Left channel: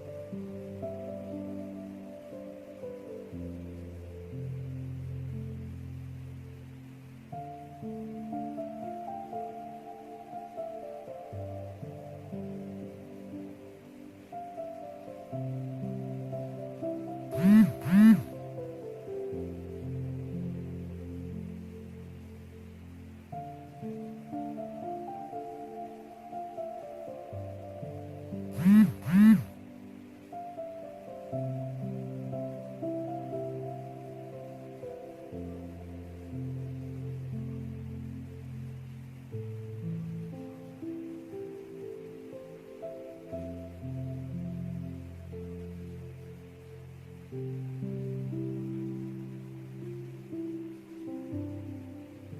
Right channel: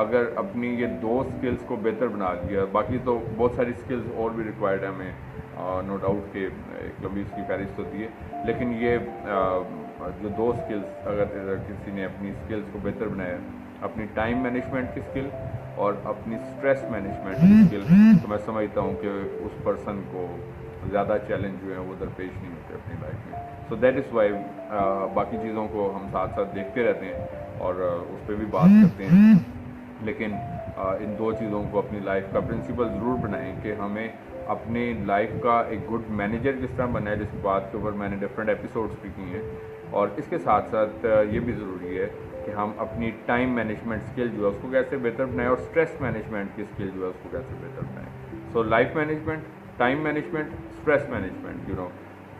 اگر اپنی یہ 2 سکلز کو بہتر بنا لیا، باقی تو بہت ساری سکلز اور بھی ریکوائرڈ ہے ہمیں، نو ڈاؤٹ کہ ایک لمبی اس کی فہرست ہوتی ہے، لیکن یہ جو 2 سکلز اگر کسی نے اپنی سکلز کو بہتر بنایا، اپنی ٹائم مینجمنٹ کی سکل اور اپنی اسٹریس مینجمنٹ کی سکل، تو میں سمجھتا ہوں کہ اس پرسن کو زیادہ چیلنج جو ہے وہ درپیش نہیں ہوتے اپنی لائف میں. سو دیٹ از وائی باقی چیزوں کو ہم ساتھ ساتھ دیکھتے رہتے ہیں اور اس پہ بھی بات کرتے ہیں، لیکن ان 2 چیزوں کو اپنی لائف کا پرنسپل ضرور بنائیں کہ ہمیں اپنی لائف کا ایک گڈ مینیجر کس طرح بنا ہے، جس بات کے اوپر میں نے ڈفرینٹ ایپیسوڈس بھی کی ہیں. اور اس کے ساتھ ساتھ یہ بھی ضروری ہے کہ ہم اپنی ٹائم مینجمنٹ اسکل جو ہے اس کو کیسے بہتر بنائیں اور اسٹریس مینجمنٹ کی اسکل جو ہے اس کو کیسے بہتر بنائیں. So life management, time management, stress management,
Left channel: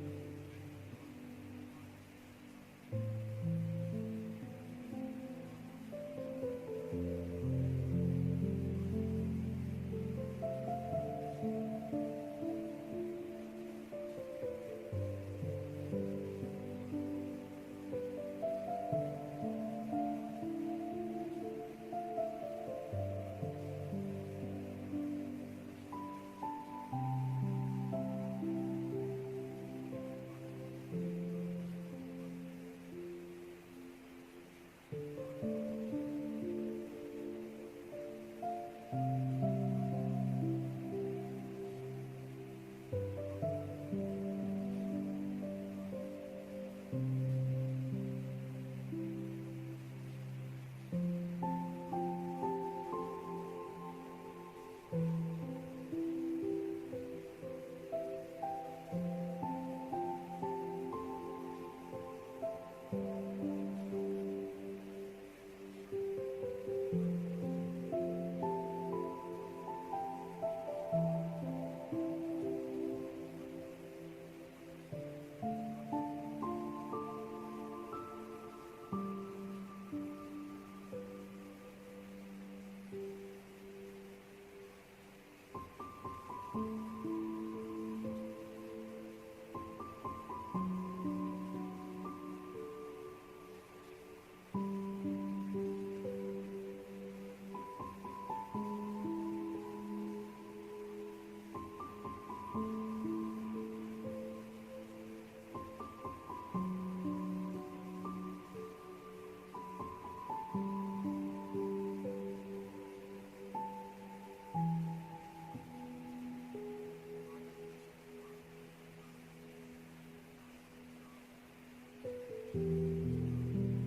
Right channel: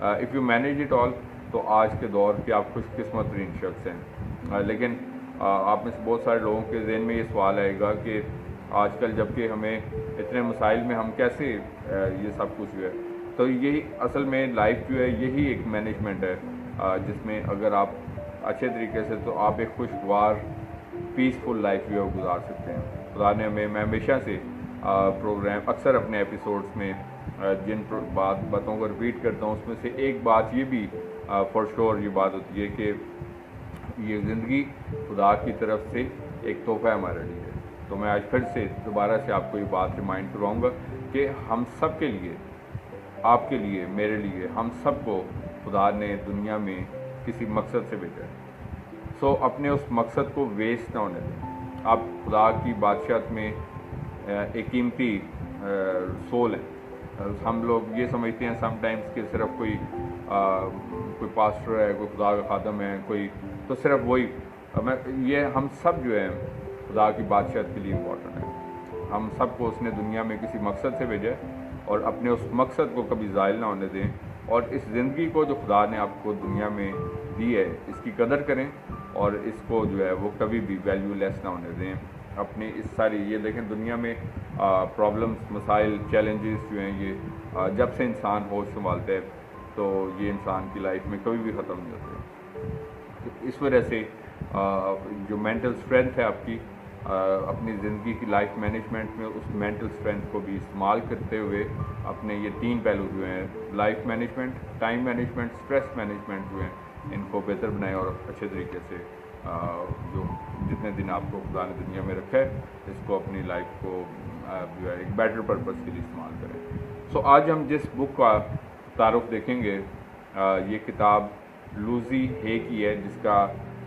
if you manage it all, تو آج کے دور کے آپ خوش قسمت ترین شخص ہیں. لیکن آپ میں سے بہت سارے لوگوں کے ذہن میں یہ سوال آئے گا کہ آج کل جب کہ ہمیں اتنے مسائل میں ہم کیسے یہ سب کچھ جو ہے، تو یہی اصل میں لائف جو ہے یہی ایک مینجمنٹ ہے جس میں اگر آپ اچھے طریقے سے، تو آپ ایک خوشگوار پیسفل لائف جو ہے گزار سکتے ہیں. خدا نے ہمیں، میں ہمیشہ سے پروگرام اکثر اپنے ایپیسوڈس میں جن باتوں کو ریپیٹ کرتا ہوں، اس میں سے ایک بات یہ بھی فار شور یہ بات ہوتی ہے کہ یہ زندگی خدا کی طرف سے ایک تحفہ ہے ہمارے لیے. تو میں آج پھر سے دوبارہ سے آپ کو یہ بات ریمائنڈ کرواؤں گا کہ ہم سب کے لیے، آپ کے لیے، میرے لیے، ہم سب کو خدا نے دنیا میں کسی مقصد سے بھیجا ہے. سو اپنے اس مقصد کو ویسٹ نہ ہونے دیں. آپ خدا کی بادشاہت میں ایک قیمتی سول ہے. ہم لوگ یہ سمجھتے ہیں سم ٹائمز کہ صرف کوئی پاسٹر ہے، کوئی خدا کا خادم ہے، کوئی تو صرف وہی. یہ ہم سب جو ہے خدا کی بادشاہت کے لیے امپورٹنٹ ہے. ہم سب کو اس نے دنیا میں کسی مقصد سے بھیجا ہے اور اپنے اس مقصد کو کبھی زائل نہ ہونے دیں، اور اس زندگی کو جو خدا نے آپ کو دنیا میں دی ہے اس کی قدر کریں اور اس کو جو ہے وہ کبھی بھی ویلیو لیس نہ ہونے دیں. اپنی اس ساری یہ دیکھیں دنیا میں پرابلمس، مسائل، چیلنجز جو ہیں یہ جب سے انسان ہوش سنبھالتا ہے تو یہ انسان کی لائف میں کبھی بھی ختم نہیں ہوتے. اس وجہ سے جو مینٹل اسٹرینتھ ہے آپ کی اپنی زندگی کی لائف مینجمنٹ میں، اس مینٹل اسٹرینتھ کو بھی استعمال کرتے ہوئے اپنے یہ 3 پہلو جو ہیں life management, time management, stress management جو ہیں ان کو بہتر بنائیں اور اچھے طریقے سے جو جتنے دن آپ کو خدا نے دنیا میں رکھا ہے اس کو اپنی لائف کو جو ہے ایک بیٹر پرپز کے لیے استعمال کریں. سو آج ہم جس بک کا تعارف دیکھیں گے یہ کتاب لوزی ہے کی ہے، جس کا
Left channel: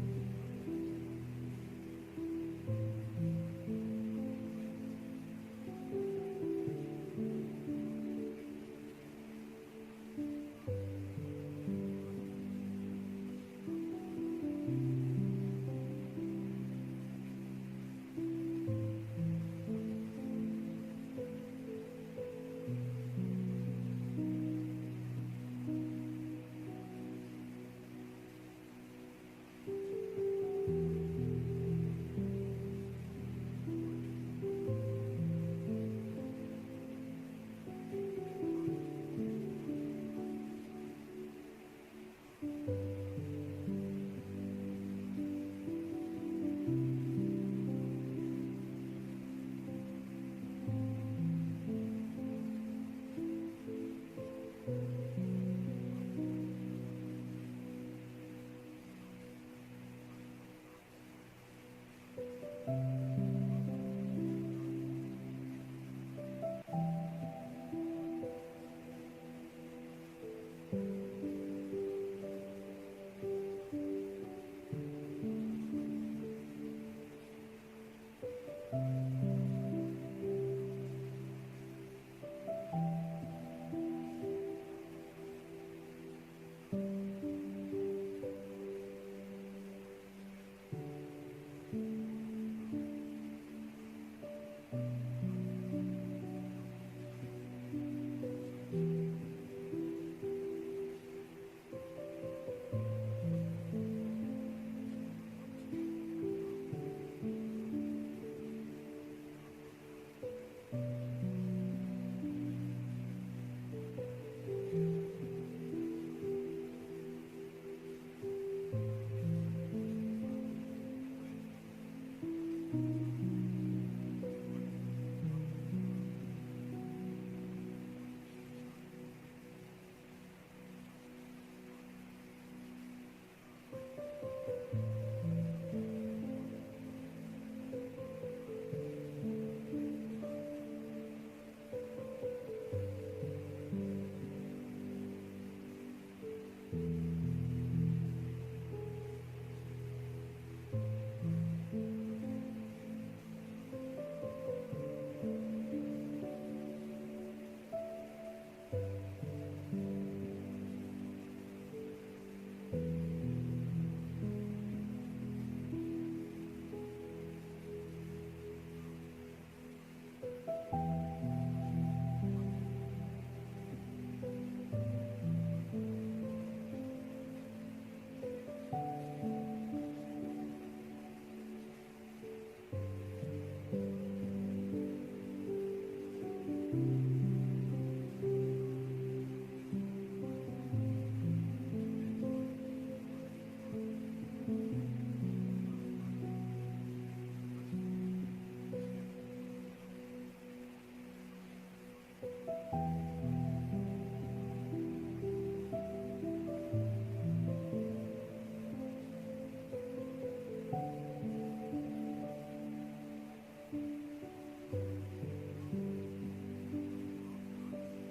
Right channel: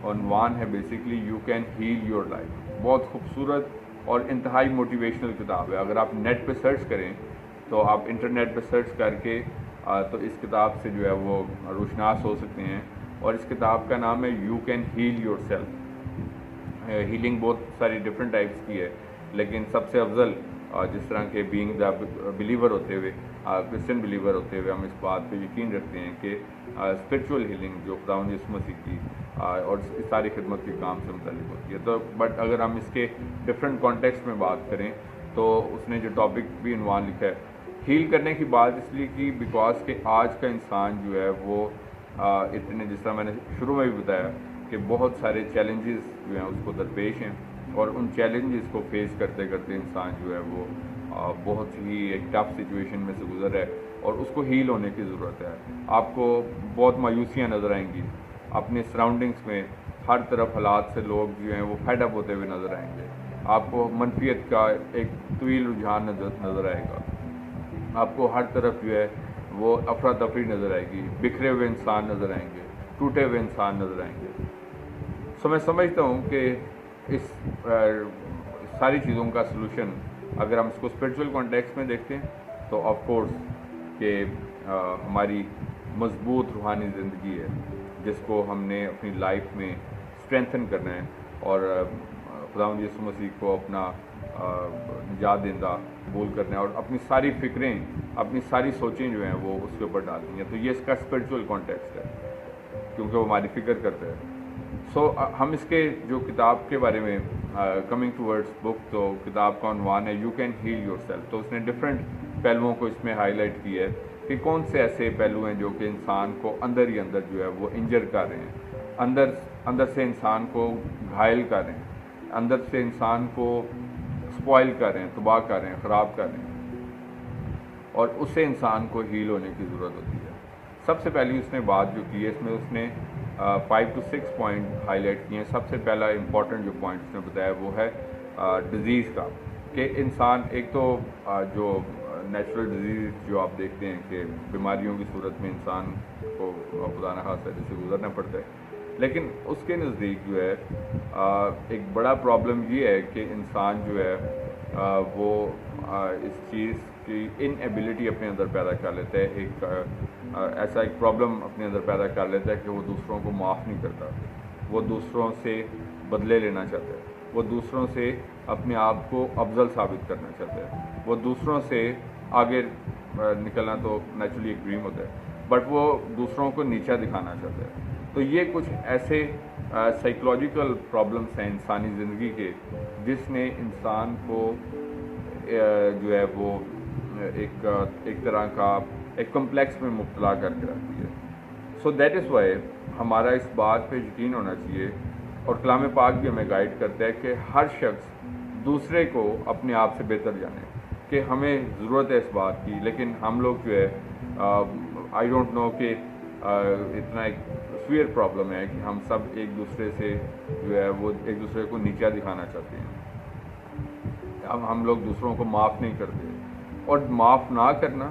عنوان ہے basically you can heal your life. بہت خوبصورت اور انتہائی موٹیویشنل کتاب ہے. اگر آپ نیٹ پہ سرچ کریں تو آپ انٹرنیٹ پہ سرچ کر کے تو اس کتاب سے جو ہے وہ روشناس ہو سکتے ہیں. اور اس کتاب کا نام ہے you can heal yourself. Healing بہت ساری ڈفرینٹ ٹائپس کی ہے، لیکن سب سے افضل جس طرح کے بینگ دا بلیور ہوتے ہوئے، کرسچن بلیور ہوتے ہوئے ہم اس بات پہ یقین رکھتے ہیں کہ اسپرچول ہیلنگ جو خداوند یسوع مسیح کی اور اس کی ساری خدمت کے کام سے متعلق ہوتی ہے. تو بٹ اگر ہم اس کے ڈفرینٹ کانٹیکسٹ میں بات کریں تو اس نے جو ٹاپک بھی عنوان لکھا ہے ہیل کرنے کی بات اس لیے کی بیکاز کہ آج کا انسان جو ہے وہ اتنے، جس طرح میں نے شروع میں بھی بتایا کہ بہت سارے چیلنجز جو ہیں اس کو درپیش ہیں، اور ان چیلنجز کو فیس کرتے کرتے انسان جو ہے وہ بہت ہی ایک ٹف سچویشن میں سے گزر رہا ہے اور اس کو ہیل ہونے کی ضرورت ہے. آپ کو بہت مایوسیاں نظر آئیں گی اپنے سراؤنڈنگس میں، ہر طرف حالات سے لوگ جو ہیں وہ فیڈ اپ ہوتے ہوئے نظر آئیں گے. آپ کو منفیت کا ایک طویل رجحان نظر آئے گا. آپ کو ہر طرف جو ہے وہ افراتفری نظر آئے گی، بکھرے ہوئے انسان نظر آئیں گے، ٹوٹے ہوئے انسان نظر آئیں گے. سو میں سمجھتا ہوں کہ اس ساری چیزوں کا سلوشن اگر ہم اس کو اسپرچول کانٹیکس میں دیکھتے ہیں تو آف کورس کہ ہماری مضبوط روحانی زندگی ہے جس کو ہم نے اپنی لائف میں اسٹرینتھن کرنا ہے اور خداوند یسوع مسیح کو اپنا نجات دہندہ قبول کرنا ہے اور اپنی ساری فکریں، اپنی ساری سوچیں جو ہیں وہ اس کے اوپر ڈالنی ہیں. تو یہ اس کا اسپرچول کانٹیکسٹ ہے کیونکہ وہ ہماری فکر کرتا ہے. سو ہم اس کے جو کتاب کے بارے میں کمنگ ٹورڈس بک، تو کتاب کا عنوان ہے you can heal yourself. تو اس نے ڈفرینٹ پہلوؤں کو اس میں ہائی لائٹ کی ہے کہ کون سے ایسے پہلو ہیں جو کہ انسان کو اندر جو ہے وہ انجر کر رہے ہیں، اندر سے انسان کو گھائل کر رہے ہیں. اندر سے انسان کو سپوائل کر رہے ہیں, تباہ کر رہے ہیں, خراب کر رہے ہیں, اور اس سے انسان کو ہیل ہونے کی ضرورت ہوتی ہے. سب سے پہلی اس نے بات جو کی ہے, اس میں اس نے 5 to 6 پوائنٹ ہائی لائٹ کیے ہیں. سب سے پہلا امپورٹنٹ جو پوائنٹ اس نے بتایا وہ ہے ڈیزیز کا, کہ انسان ایک تو جو نیچرل ڈیزیز جو آپ دیکھتے ہیں کہ بیماریوں کی صورت میں انسان کو خدا نہ خاصہ سے گزرنا پڑتا ہے, لیکن اس کے نزدیک جو ہے ایک بڑا پرابلم یہ ہے کہ انسان جو ہے وہ اس چیز کی ان ایبلٹی اپنے اندر پیدا کر لیتا ہے, ایک ایسا ایک پرابلم اپنے اندر پیدا کر لیتا ہے کہ وہ دوسروں کو معاف نہیں کرتا, وہ دوسروں سے بدلے لینا چاہتا ہے, وہ دوسروں سے اپنے آپ کو افضل ثابت کرنا چاہتا ہے, وہ دوسروں سے آگے نکلنا تو نیچرلی ایک ڈریم ہوتا ہے, بٹ وہ دوسروں کو نیچا دکھانا چاہتا ہے. تو یہ کچھ ایسے سائیکولوجیکل پرابلمس ہیں انسانی زندگی کے جس نے انسان کو جو ہے وہ ایک طرح کا ایک کمپلیکس میں مبتلا کر کے رکھتی ہے. سو دیٹ از وائی ہمارا اس بات پہ یقین ہونا چاہیے, اور کلام پاک بھی ہمیں گائیڈ کرتا ہے کہ ہر شخص دوسرے کو اپنے آپ سے بہتر جانے, کہ ہمیں ضرورت ہے اس بات کی, لیکن ہم لوگ جو ہے آئی ڈونٹ نو کہ اتنا ایک سویئر پرابلم ہے کہ ہم سب ایک دوسرے سے جو ہے وہ ایک دوسرے کو نیچا دکھانا چاہتے ہیں. ہم لوگ دوسروں کو معاف نہیں کرتے, اور معاف نہ کرنا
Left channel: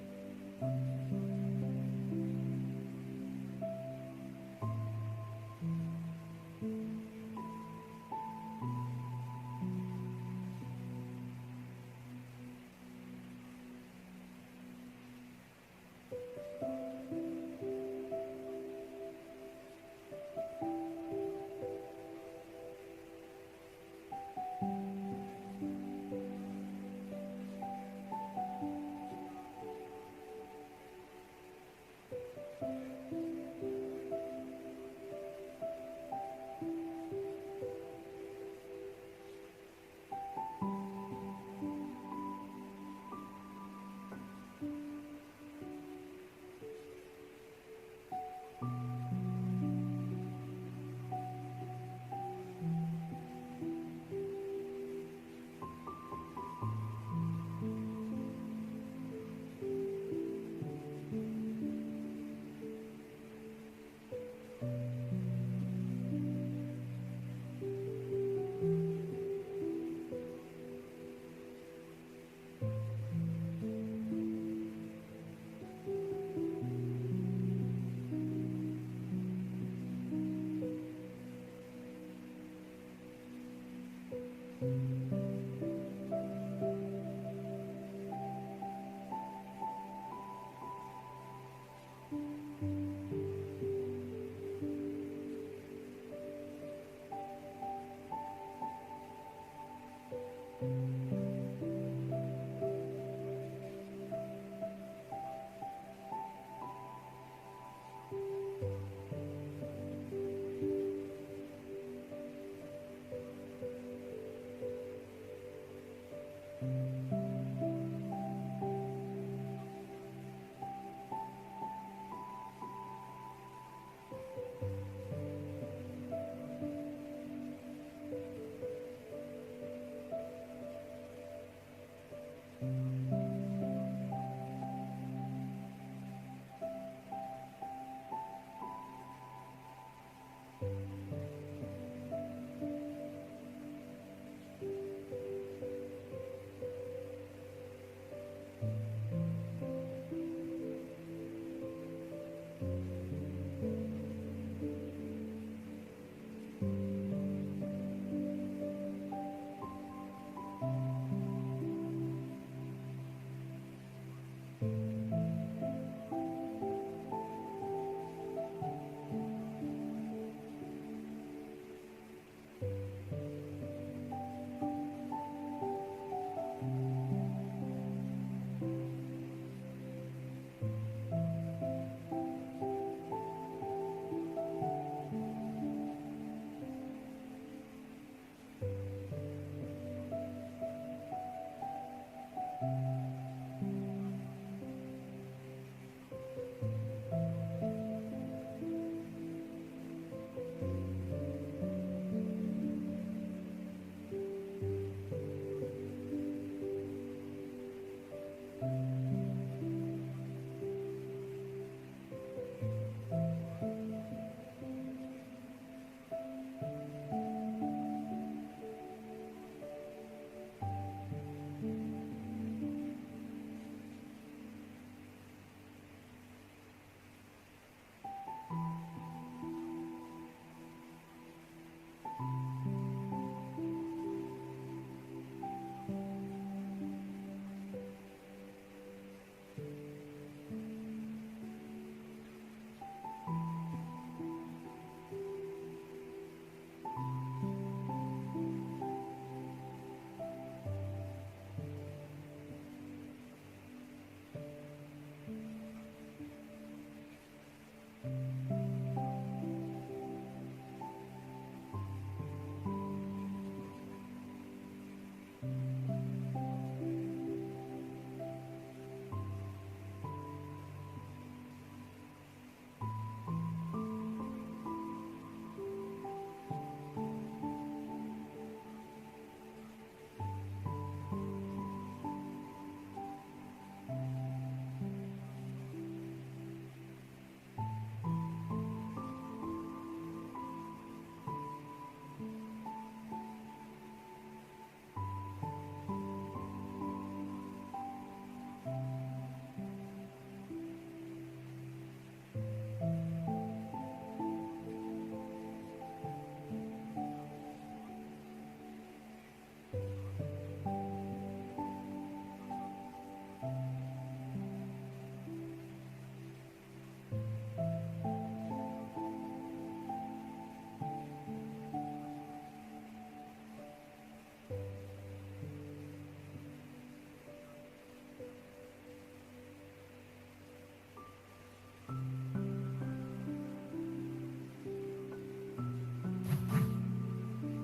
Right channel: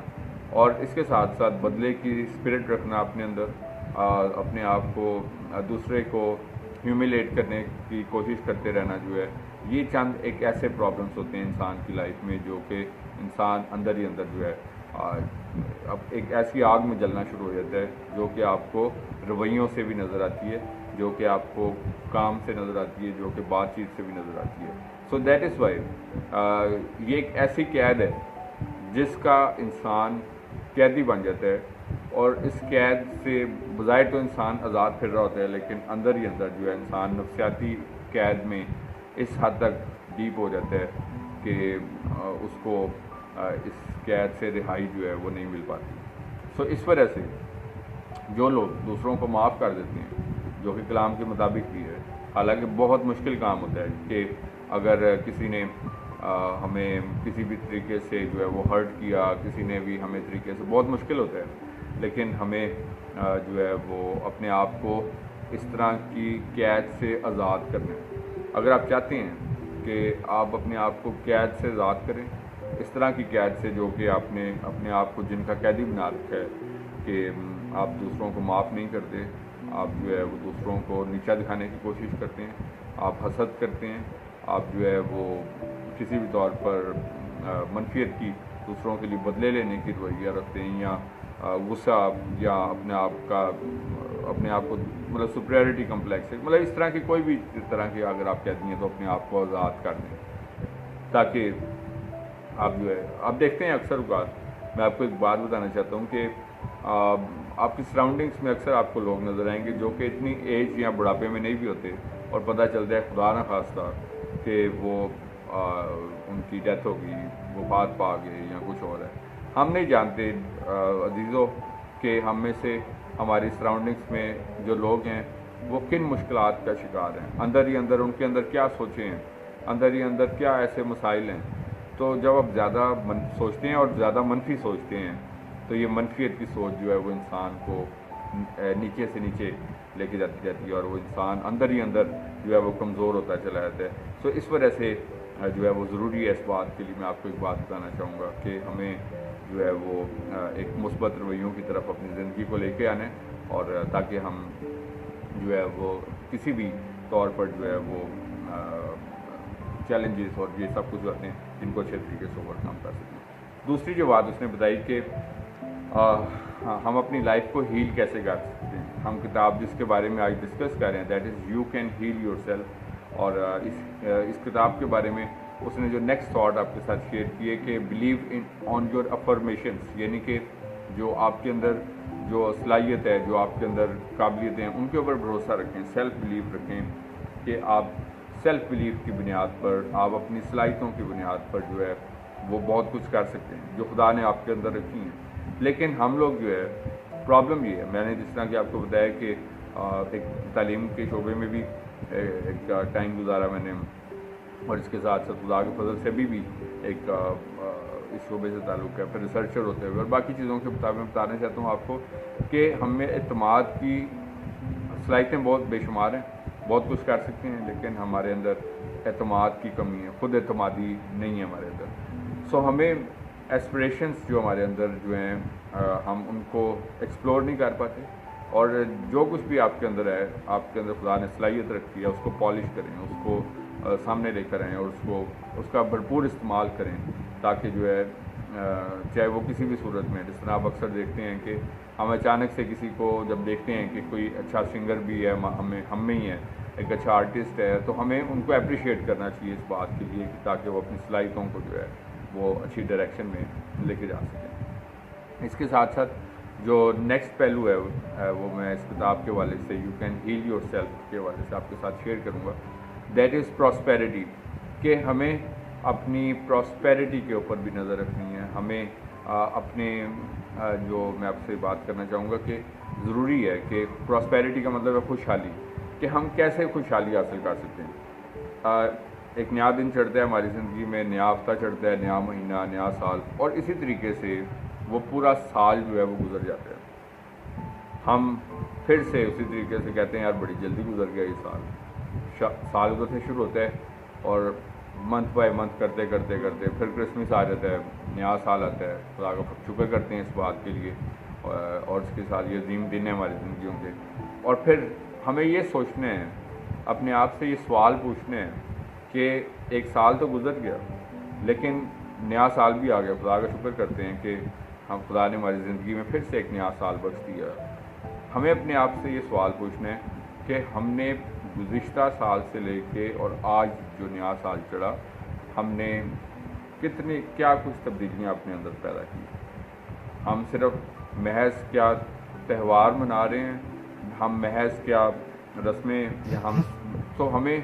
اور اس کے ساتھ ساتھ بدلے کی اسپرٹ رکھنا اپنے اندر, اپنے آپ کو دوسرے کو ہیوملیٹ کرنے کی کوشش کرتے رہنا جو ہے, یہ چند ایک ایسے پرابلمس ہوتے ہیں انسان کی لائف میں جو کہ انسان اندر ہی اندر جو ہے اب ایک ایسی آگ میں جلنا شروع ہو جاتا ہے جو کہ آپ کو رویوں سے بھی نظر آتی ہے, جو کہ آپ کو کام سے نظر آتی ہے, جو کہ بات چیت سے بھی نظر آتی ہے. سو دیٹ از وائی یہ ایک ایسی قید ہے جس کا انسان قیدی بن جاتا ہے, اور اس قید سے بظاہر تو انسان آزاد پھر رہا ہوتا ہے, لیکن اندر ہی اندر جو ہے انسان نفسیاتی قید میں اس حد تک ڈیپ ہو جاتا ہے کہ اس کو اس قید سے رہائی جو ہے وہ نہیں مل پاتی. سو اس وجہ سے جو لوگ دوسروں کو معاف کر دیتے ہیں, جو کہ کلام کے مطابق بھی ہے, حالانکہ بہت مشکل کام ہوتا ہے کہ اگر کسی نے ہمیں کسی بھی طریقے سے جو ہے وہ ہرٹ کیا, کسی نے بھی ہمیں طریقے سے, بہت مشکل ہوتا ہے, لیکن ہمیں جو ہے وہ اپنے آپ کو اس طرح کی قید سے آزاد کرنا ہے. اگر آپ چاہتے ہیں کہ آپ اپنے آپ کو قید سے آزاد کریں, اس طرح کی قید سے جو کہ آپ نے اپنے آپ کو جن کا قیدی بنا رکھا ہے کہ آپ دوسروں کو معاف نہیں کرتے, آپ جو ہے وہ دوسروں کو نیچا دکھانے کی کوشش کرتے ہیں, آپ حسد کرتے ہیں, آپ جو ہے وہ کسی بھی طور پر منفیت کی, دوسروں کے لیے بدلے لینے کی رویہ رکھتے ہیں, یا غصہ, یا اپنے آپ کو مطلب سپریورٹی کمپلیکس ہے, مطلب اس طرح کی کوئی بھی اس طرح کی اگر آپ کہتی ہیں تو اپنے آپ کو آزاد کر دیں, تاکہ آپ جو ہے آپ دیکھتے ہیں اکثر اوقات میں آپ کو ایک بات بتانا چاہتا ہوں کہ آپ کی سراؤنڈنگس میں اکثر آپ کو لوگ نظر آئیں گے جو کہ اتنی ایج یا بڑھاپے میں نہیں بھی ہوتے, اور پتہ چلتا ہے خدا نہ خواستہ کہ وہ ان کی ڈیتھ ہو گئی, وفات پا گئے یا کچھ اور ہے. ہم نہیں جانتے عزیزوں کہ ہم میں سے ہماری سراؤنڈنگس میں جو لوگ ہیں وہ کن مشکلات کا شکار ہیں, اندر ہی اندر ان کے اندر کیا سوچیں ہیں, اندر ہی اندر کیا ایسے مسائل ہیں. تو جب آپ زیادہ سوچتے ہیں اور زیادہ منفی سوچتے ہیں تو یہ منفیت کی سوچ جو ہے وہ انسان کو نیچے سے نیچے لے کے جاتی ہے, اور وہ انسان اندر ہی اندر جو ہے وہ کمزور ہوتا چلا جاتا ہے. تو اس وجہ سے جو ہے وہ ضروری ہے, اس بات کے لیے میں آپ کو ایک بات بتانا چاہوں گا کہ ہمیں جو ہے وہ ایک مثبت رویوں کی طرف اپنی زندگی کو لے کے آنا ہے, اور تاکہ ہم جو ہے وہ کسی بھی طور پر جو ہے وہ چیلنجز اور یہ سب کچھ ہوتے ہیں جن کو اچھے طریقے سے اوور کم کر سکیں. دوسری جو بات اس نے بتائی کہ ہم اپنی لائف کو ہیل کیسے کر سکتے ہیں. ہم کتاب جس کے بارے میں آج ڈسکس کر رہے ہیں that is you can heal yourself, اور اس کتاب کے بارے میں اس نے جو نیکسٹ تھاٹ آپ کے ساتھ شیئر کی ہے کہ believe in on your affirmations, یعنی کہ جو آپ کے اندر جو صلاحیت ہے, جو آپ کے اندر قابلیتیں ہیں, ان کے اوپر بھروسہ رکھیں, سیلف بلیو رکھیں کہ آپ سیلف بلیو کی بنیاد پر, آپ اپنی صلاحیتوں کی بنیاد پر جو ہے وہ بہت کچھ کر سکتے ہیں جو خدا نے آپ کے اندر رکھی ہیں. لیکن ہم لوگ جو ہے پرابلم یہ ہے, میں نے جس طرح کہ آپ کو بتایا کہ ایک تعلیم کے شعبے میں بھی ایک ٹائم گزارا میں نے, اور اس کے ساتھ ساتھ خدا کے فضل سے بھی ایک اس شعبے سے تعلق ہے، پھر ریسرچر ہوتے ہوئے اور باقی چیزوں کے مطابق میں بتانا چاہتا ہوں آپ کو کہ ہم میں اعتماد کی صلاحیتیں بہت بے شمار ہیں، بہت کچھ کر سکتے ہیں، لیکن ہمارے اندر اعتماد کی کمی ہے، خود اعتمادی نہیں ہے ہمارے اندر. سو ہمیں ایسپریشنس جو ہمارے اندر جو ہیں ہم ان کو ایکسپلور نہیں کر پاتے، اور جو کچھ بھی آپ کے اندر ہے، آپ کے اندر خدا نے صلاحیت رکھی ہے، اس کو پالش کریں، اس کو سامنے لے کر آئیں اور اس کا بھرپور استعمال کریں، تاکہ جو ہے چاہے وہ کسی بھی صورت میں، جس طرح آپ اکثر دیکھتے ہیں کہ ہم اچانک سے کسی کو جب دیکھتے ہیں کہ کوئی اچھا سنگر بھی ہے ہم میں ہی ہے، ایک اچھا آرٹسٹ ہے، تو ہمیں ان کو اپریشیٹ کرنا چاہیے اس بات کے لیے تاکہ وہ اپنی صلاحیتوں کو جو ہے وہ اچھی ڈائریکشن میں لے کے جا سکیں. اس کے ساتھ ساتھ جو نیکسٹ پہلو ہے وہ میں اس کتاب کے حوالے سے you can heal yourself کے حوالے سے آپ کے ساتھ شیئر کروں گا. دیٹ از پراسپیرٹی، کہ ہمیں اپنی پراسپیرٹی کے اوپر بھی نظر رکھنی ہے. ہمیں اپنے جو میں آپ سے بات کرنا چاہوں گا کہ ضروری ہے کہ پراسپیرٹی کا مطلب ہے خوشحالی، کہ ہم کیسے خوشحالی حاصل کر سکتے ہیں. ایک نیا دن چڑھتا ہے ہماری زندگی میں، نیا ہفتہ چڑھتا ہے، نیا مہینہ، نیا سال، اور اسی طریقے سے وہ پورا سال جو ہے وہ گزر جاتا ہے. ہم پھر سے اسی طریقے سے کہتے ہیں یار بڑی جلدی گزر گیا یہ سال گزرنے شروع ہوتا ہے، اور منتھ بائی منتھ کرتے کرتے کرتے پھر کرسمس آ جاتا ہے، نیا سال آتا ہے. خدا کا شکر کرتے ہیں اس بات کے لیے، اور اس کے ساتھ یہ عظیم دن ہے ہماری زندگیوں کے. اور پھر ہمیں یہ سوچنا ہے، اپنے آپ سے یہ سوال پوچھنا ہے کہ ایک سال تو گزر گیا لیکن نیا سال بھی آ گیا. خدا کا شکر کرتے ہیں کہ خدا نے ہماری زندگی میں پھر سے ایک نیا سال بخش دیا. ہمیں اپنے آپ سے یہ سوال پوچھنا ہے کہ ہم نے گزشتہ سال سے لے کے اور آج جو نیا سال چڑھا، ہم نے کیا کچھ تبدیلیاں اپنے اندر پیدا کی. ہم صرف محض کیا تہوار منا رہے ہیں، ہم محض کیا رسمیں، یا تو ہمیں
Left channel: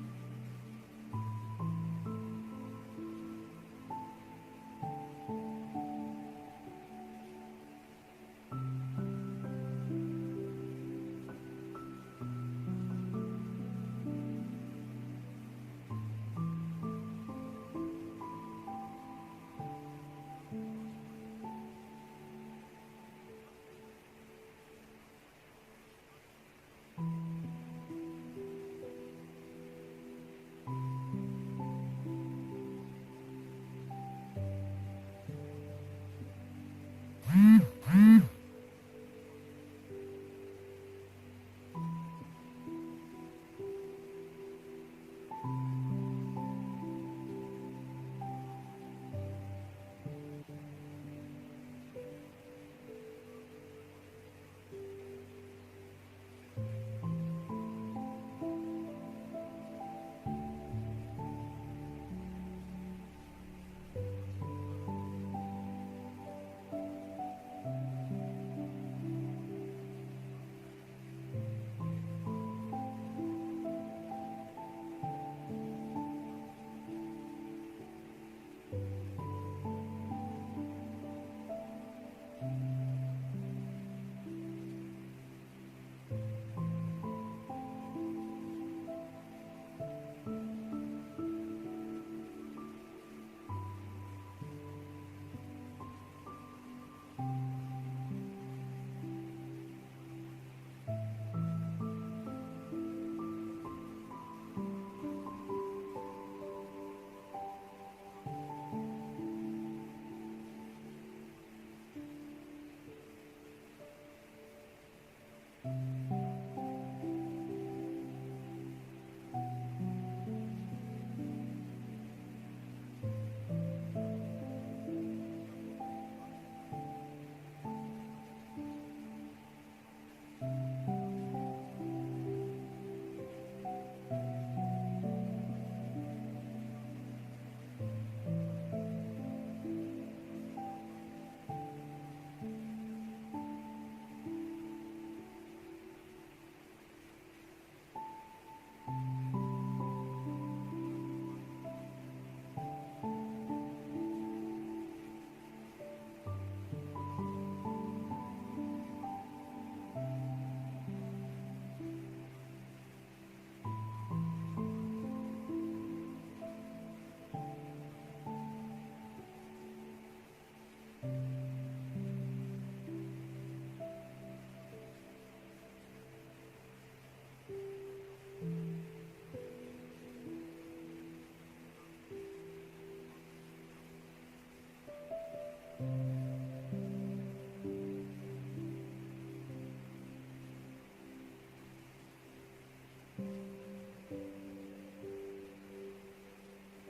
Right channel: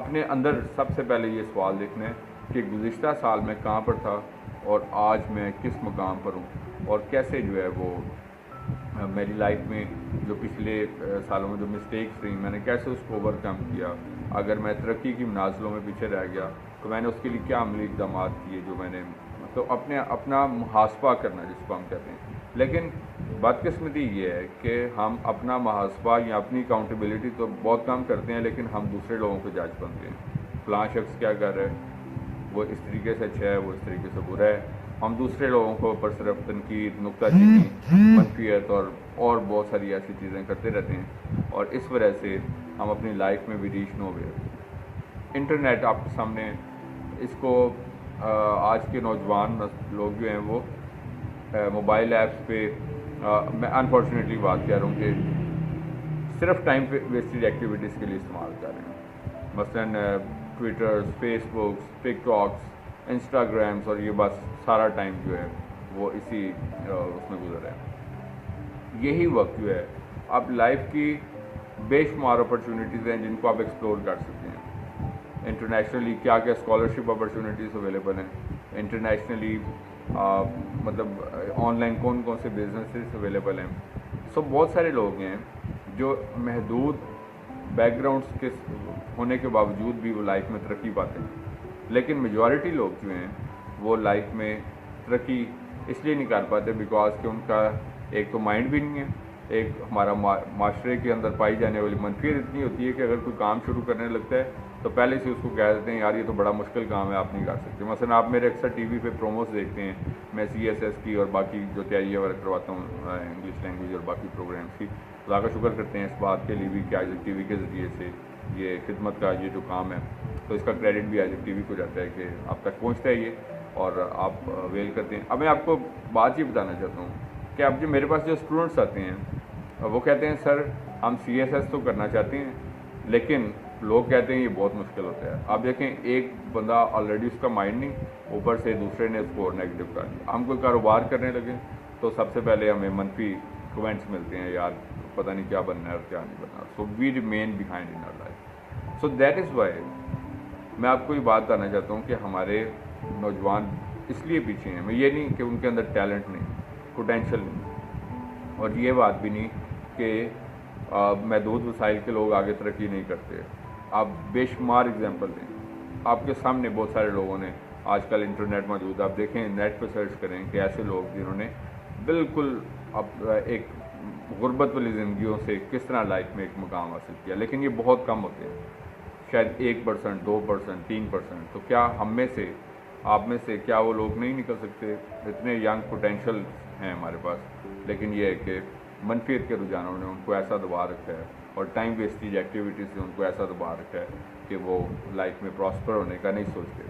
اپنے اندر سب سے پہلے یہ سوال دیکھنا ہے کہ گزشتہ سال میں کہاں پر تھا اور آج میں کس مقام پر ہوں، اور کیسے جو ہے وہ میری لائف میں جو پچھلے سالوں میں جو مسٹیکس رہیں میں نے کیسے اس کو اوور کم کیا. اگر میں ترقی کی منازلوں میں پیچھے رہ گیا تو میں نے اس کے لیے کیا عملی اقدامات کیے جو میں نے، تو اپنا محاسبہ کرنا جس کو ہم کہتے ہیں. لیکن بدقسمتی یہ ہے کہ ہم اپنا محاسبہ یا اپنی اکاؤنٹیبلٹی تو بہت کم کرتے ہیں، لیکن ہم دوسرے لوگوں کو جج بنتے ہیں. فلاں شخص کیا کر رہا ہے، وہ اس طریقے سے اچھا ہے، وہ اس طریقے سے برا ہے. ہم دوسرے لوگوں کو اوپر صرف تنقید، نکتہ چینی، منفیت اور بہت ساری ایسی چیزیں کرتے رہتے ہیں، اور اس وجہ سے ہم اپنی لائف میں بھی ریچ نہ ہو گئے. انٹرنیٹ آپ کے سامنے، اس کو آج کے نوجوان لوگ جو ہیں وہ موبائل ایپس پہ، میں انفارچونیٹلی بات کہہ رہا ہوں کہ صرف ٹائم ویسٹڈ ایکٹیویٹیز کے لیے استعمال کر رہے ہیں. مثلاً ٹویٹرز، فیس بکس، ٹک ٹاکس، انسٹاگرامس، اور یہ بس سارا ٹائم جو ہے وہ اسی اس میں گزر رہا ہے. یہی وقت جو ہے آپ لائف کی بے شمار اپرچونیٹیز ہیں جن کو آپ ایکسپلور کر سکتے ہیں. انٹرنیشنلی کیا اسکالرشپ اپرچونیٹیز اویلیبل ہیں، انٹرنیشنلی مطلب آن لائن کون سے بزنسز اویلیبل ہیں. سو بہت سارے لوگ ہیں جو محدود بیک گراؤنڈس کے ہونے کے باوجود بھی وہ لائف میں ترقی پاتے ہیں، لیکن میجورٹی لوگ جو ہیں وہ لائف میں ترقی اس لیے نہیں کر پاتے بیکاز کہ ان کا ایک تو مائنڈ بھی نہیں ہے. ایک ہمارا معاشرے کے اندر پائی جانے والی منفیت اتنی ہوتی ہے کہ اگر کوئی کام شروع کرنے لگتا ہے تو پہلے سے اس کو کہہ دیتے ہیں یار یہ تو بڑا مشکل کام ہے، آپ نہیں کر سکتے. مثلا آپ میرے اکثر ٹی وی پہ پروموز دیکھتے ہیں، میں CSS کی اور باقی جو تیاریاں وغیرہ کرواتا ہوں انگلش لینگویج اور باقی پروگرامس کی. خدا کا شکر کرتے ہیں اس بات کے لیے بھی کہ آئزک ٹی وی کے ذریعے سے یہ خدمت کا یہ جو کام ہے تو اس کا کریڈٹ بھی آئزک ٹی وی کو جاتا ہے کہ آپ تک پہنچتا ہے یہ اور آپ ویل کرتے ہیں. اب میں آپ کو بات یہ بتانا چاہتا ہوں کہ اب جو میرے پاس جو اسٹوڈنٹس آتے ہیں وہ کہتے ہیں سر ہم CSS تو کرنا چاہتے ہیں لیکن لوگ کہتے ہیں یہ بہت مشکل ہوتا ہے. آپ دیکھیں ایک بندہ آلریڈی اس کا مائنڈ نہیں، اوپر سے دوسرے نے اس کو اور نیگیٹو کر دیا. ہم کوئی کاروبار کرنے لگے تو سب سے پہلے ہمیں منفی کومنٹس ملتے ہیں، یار پتہ نہیں کیا بننا ہے اور کیا نہیں بننا. So we remain behind in our life. So that is why میں آپ کو یہ بات بتانا چاہتا ہوں کہ ہمارے نوجوان اس لیے پیچھے ہیں. میں یہ نہیں کہ ان کے اندر ٹیلنٹ نہیں، پوٹینشیل نہیں، اور یہ بات بھی نہیں کہ محدود وسائل کے لوگ آگے ترقی نہیں کرتے. آپ بے شمار اگزامپل دیں. آپ کے سامنے بہت سارے لوگوں نے آج کل انٹرنیٹ موجود ہے، آپ دیکھیں نیٹ پہ سرچ کریں کہ ایسے لوگ جنہوں نے بالکل ایک غربت والی زندگیوں سے کس طرح لائف میں ایک مقام حاصل کیا، لیکن یہ بہت کم ہوتے ہیں، شاید 1%، 2%، 3%۔ تو کیا ہم میں سے، آپ میں سے کیا وہ لوگ نہیں نکل سکتے؟ اتنے ینگ پوٹینشیل ہیں ہمارے پاس، لیکن یہ ہے کہ منفیت کے رجحانوں نے ان کو ایسا دبا رکھا ہے اور ٹائم ویسٹیج ایکٹیویٹیز سے ان کو ایسا دبا رکھا ہے کہ وہ لائف میں پراسپر ہونے کا نہیں سوچتے۔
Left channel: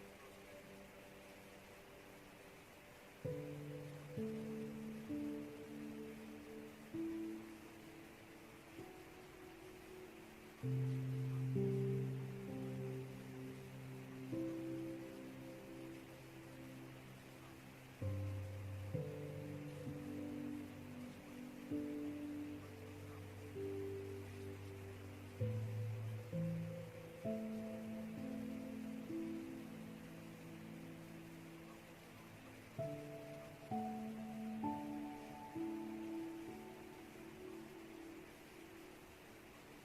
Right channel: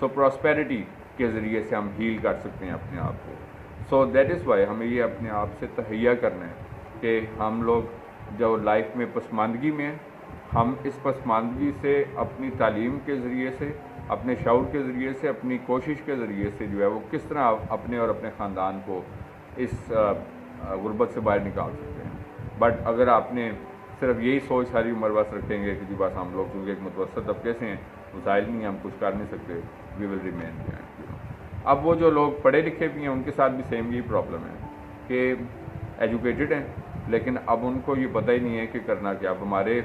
سو پراسپیرٹی کے ذریعے سے ہم ہیل کر سکتے ہیں اپنے آپ کو۔ سو دیٹ از وائی ہمیں یہ اپنے آپ سے تہیہ کرنا ہے کہ ہم لوگ جو لائف میں پسماندگی میں ہیں، ہم اس پسماندگی سے اپنی تعلیم کے ذریعے سے، اپنے شعور کے ذریعے سے، اپنی کوشش کے ذریعے سے جو ہے وہ کس طرح اپنے اور اپنے خاندان کو اس غربت سے باہر نکال سکتے ہیں۔ بٹ اگر آپ نے صرف یہی سوچ ساری عمر بس رکھیں گے کہ جی بس ہم لوگ کیونکہ ایک متوسط طبقے سے ہیں، وسائل نہیں، ہم کچھ کر نہیں سکتے، وی ول ریمین بیہائنڈ۔ اب وہ جو لوگ پڑھے لکھے بھی ہیں ان کے ساتھ بھی سیم یہی پرابلم ہے کہ ایجوکیٹڈ ہیں لیکن اب ان کو یہ پتہ ہی نہیں ہے کہ کرنا کیا۔ اب ہمارے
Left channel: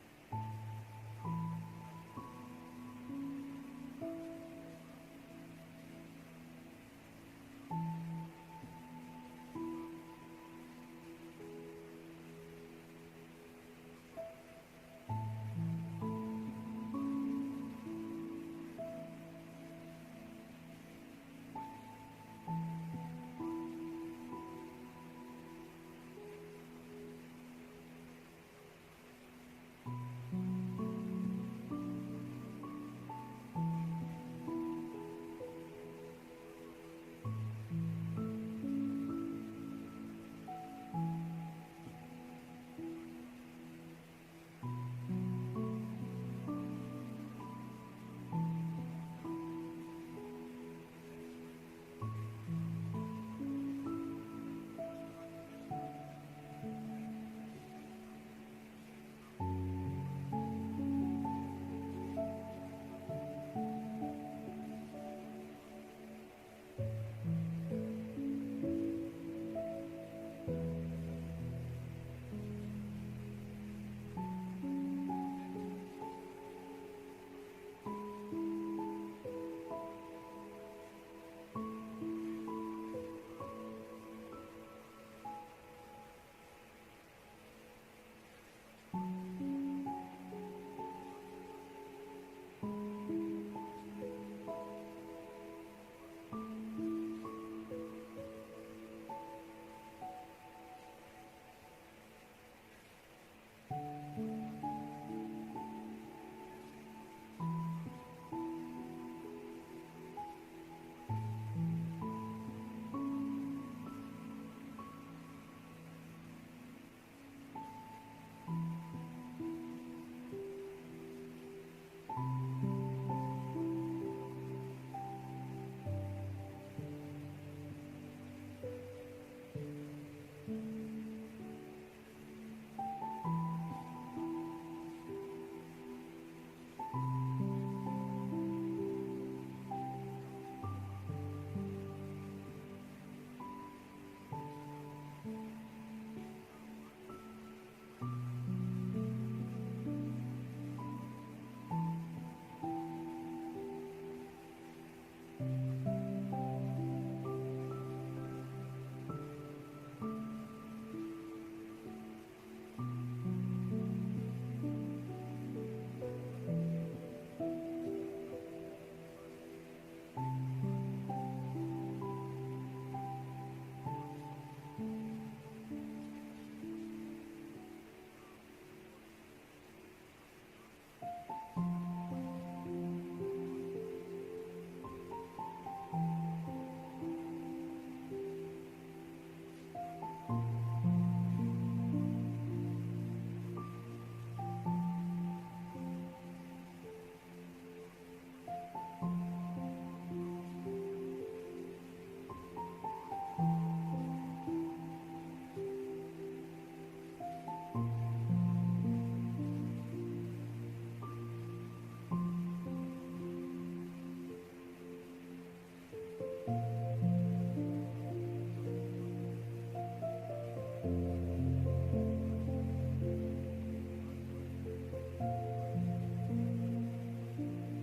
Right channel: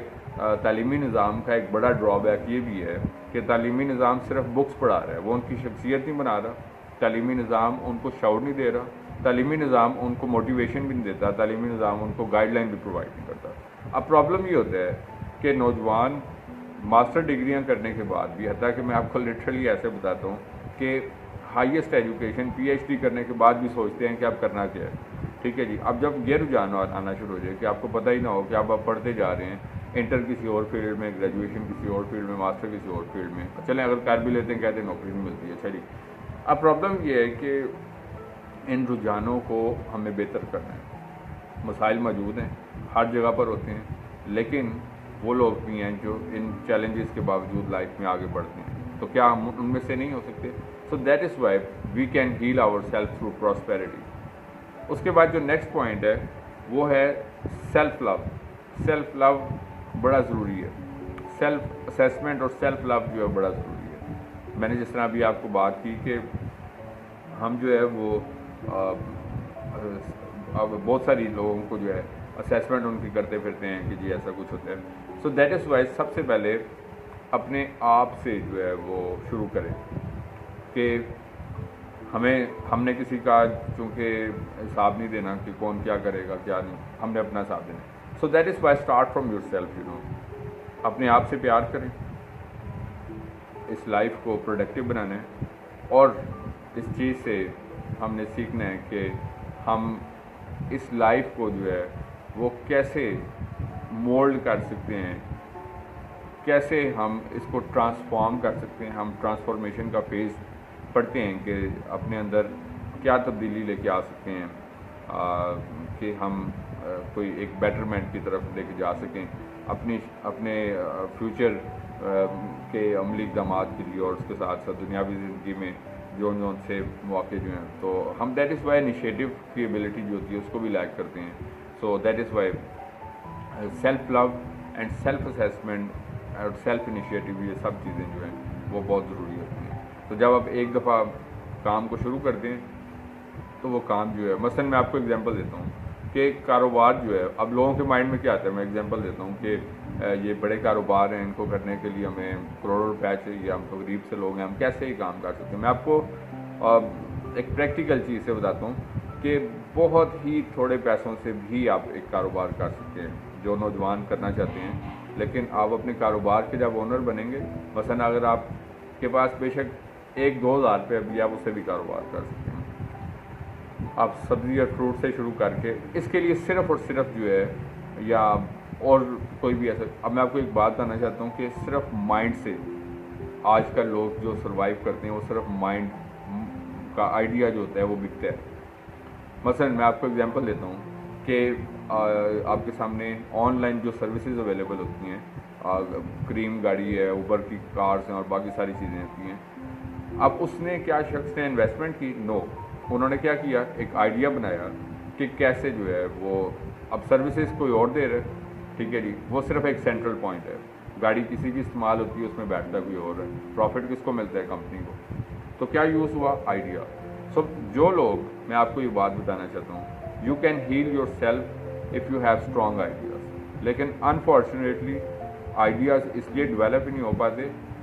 تعلیمی نظام کا ایک بڑا ڈرا بیک یہ بھی ہے کہ تعلیمی نظام صرف بکس پڑھا رہا ہے، وہ ان کی شخصیت نہیں بنا رہا، تعلیمی نظام ان کو شعور نہیں دے رہا، تعلیمی نظام ان کو موٹیویشن بھی نہیں دیتا، تعلیمی نظام ان کو گائیڈ لائن بھی پرووائڈ نہیں کرتا۔ اب پرابلم یہ ہوتا ہے کہ نوجوان ماسٹر ڈگریاں کرنے کے بعد بھی، حتیٰ کہ میں آپ کو لٹرلی ایسے بتاتا ہوں کہ highest education P H D کرنے کے بعد بھی سوچتے ہیں کہ اب کرنا کیا ہے، ٹھیک ہے جی۔ اب جب یہ رجحان آنا شروع ہو جائے کہ آپ کو پتہ ہی نہ ہو کہ آپ پڑھتے جا رہے ہیں، انٹر کسی اور فیلڈ میں، گریجویشن کسی اور فیلڈ میں، ماسٹر کسی اور فیلڈ میں، چلیں اگر کر بھی لیتے ہیں کہتے ہیں نوکری نہیں ملتی ہے، اچھا جی۔ اب پرابلم یہ ہے کہ ان رجحانوں کو ہمیں بہتر کرنا ہے۔ مسائل موجود ہیں، ہر جگہ پر ہوتے ہیں، لیکن وہ لوگ بھی ہیں جو ان چیلنجز کے باوجود لائف میں آگے بڑھتے ہیں، تو کیا ہم ان میں سے نہیں ہو سکتے؟ So that is why we can heal our self through prosperity. اس کے بعد جو نیکسٹ پوائنٹ ہے وہ ہے سیلف لو۔ سیلف لو بڑا ضروری ہے، سیلف اسیسمنٹ اور سیلف لو جو ہے بڑا ضروری ہے۔ میں نے جس طرح ابھی آپ کو بات کی کہ ہم جو ہے وہ اب بہت ساری لوگوں کو جو ہے اسیسمنٹ ان کی کرتے پھرتے ہیں کہ جی ایسا کچھ ہوتا ہے۔ سو دیٹ از وائی سب سے پہلے اپنے آپ سے جو ہے وہ شروع کریں کہ ہم نے کسی کا چونکہ حساب نہیں دینا کہ کون کیا کرے گا کیا نہیں، ہم نے اپنا حساب دینا۔ سو that is Y start from your self, اپنے آپ سے پیار کریں، اس لائف کو پروڈکٹیو بنانا ہے، اور اس چیز سے ہم نے سیکھنا ہے کہ ہم اس لائف کو جو ہے وہ کیسے مولڈ کر سکتے ہیں، کیسے ہم اس کو ٹرانسفارم کر سکتے ہیں۔ ہم ٹرانسفارمیشن کا فیز پڑھتے ہیں کہ اپنے اندر کیا تبدیلی لے کے آ سکتے ہیں کہ ہم کوئی ایک بیٹرمنٹ کی طرف لے کے جا سکیں اپنے فیوچر کے عملی اقدامات کے لیے، اور اس کے ساتھ ساتھ دنیاوی زندگی میں جو سے مواقع جو ہیں، تو ہم دیٹ از وائی انیشیٹو کی ایبلٹی جو ہوتی ہے اس کو بھی لیک کرتے ہیں۔ So that is why self love and self assessment اور سیلف انیشیٹو، یہ سب چیزیں جو ہیں وہ بہت ضروری ہوتی ہیں۔ تو جب آپ ایک دفعہ کام کو شروع کرتے ہیں تو وہ کام جو ہے، مثلاً میں آپ کو ایگزامپل دیتا ہوں کہ کاروبار جو ہے، اب لوگوں کے مائنڈ میں کیا آتا ہے، میں ایگزامپل دیتا ہوں کہ یہ بڑے کاروبار ہیں، ان کو کرنے کے لیے ہمیں کروڑوں روپے چاہیے، ہم تو غریب سے لوگ ہیں، ہم کیسے ہی کام کر سکتے ہیں۔ میں آپ کو ایک پریکٹیکل چیز سے بتاتا ہوں کہ بہت ہی تھوڑے پیسوں سے بھی آپ ایک کاروبار کر سکتے ہیں، جو نوجوان کرنا چاہتے ہیں۔ لیکن آپ اپنے کاروبار کے جب اونر بنیں گے، مثلاً اگر آپ کے پاس بے شک 1-2 ہزار روپے بھی، آپ اس سے بھی کاروبار کر سکتے ہیں۔ آپ سبزی اور فروٹ سے شروع کر کے، اس کے لیے صرف اور صرف جو ہے، یا اور کوئی بھی ایسا، اب میں آپ کو ایک بات بتانا چاہتا ہوں کہ صرف مائنڈ سے آج کل لوگ جو سروائیو کرتے ہیں وہ صرف مائنڈ کا آئیڈیا جو ہوتا ہے وہ بکتا ہے۔ مثلا میں آپ کو ایگزامپل دیتا ہوں کہ آپ کے سامنے آن لائن جو سروسز اویلیبل ہوتی ہیں، کریم گاڑی ہے، اوبر کی کارز ہیں اور باقی ساری چیزیں ہوتی ہیں۔ اب اس نے کیا شخص نے انویسٹمنٹ کی؟ نو، انہوں نے کیا کیا، ایک آئیڈیا بنایا کہ کیسے جو ہے وہ اب سروسز کوئی اور دے رہے، ٹھیک ہے جی، وہ صرف ایک سینٹرل پوائنٹ ہے، گاڑی کسی کی استعمال ہوتی ہے، اس میں بیٹھتا کوئی اور ہے، پروفٹ کس کو ملتا ہے؟ کمپنی کو۔ تو کیا یوز ہوا؟ آئیڈیا۔ سو جو لوگ، میں آپ کو یہ بات بتانا چاہتا ہوں، you can heal yourself if you have strong ideas, لیکن انفارچونیٹلی آئیڈیاز اس لیے ڈیولپ ہی نہیں ہو پاتے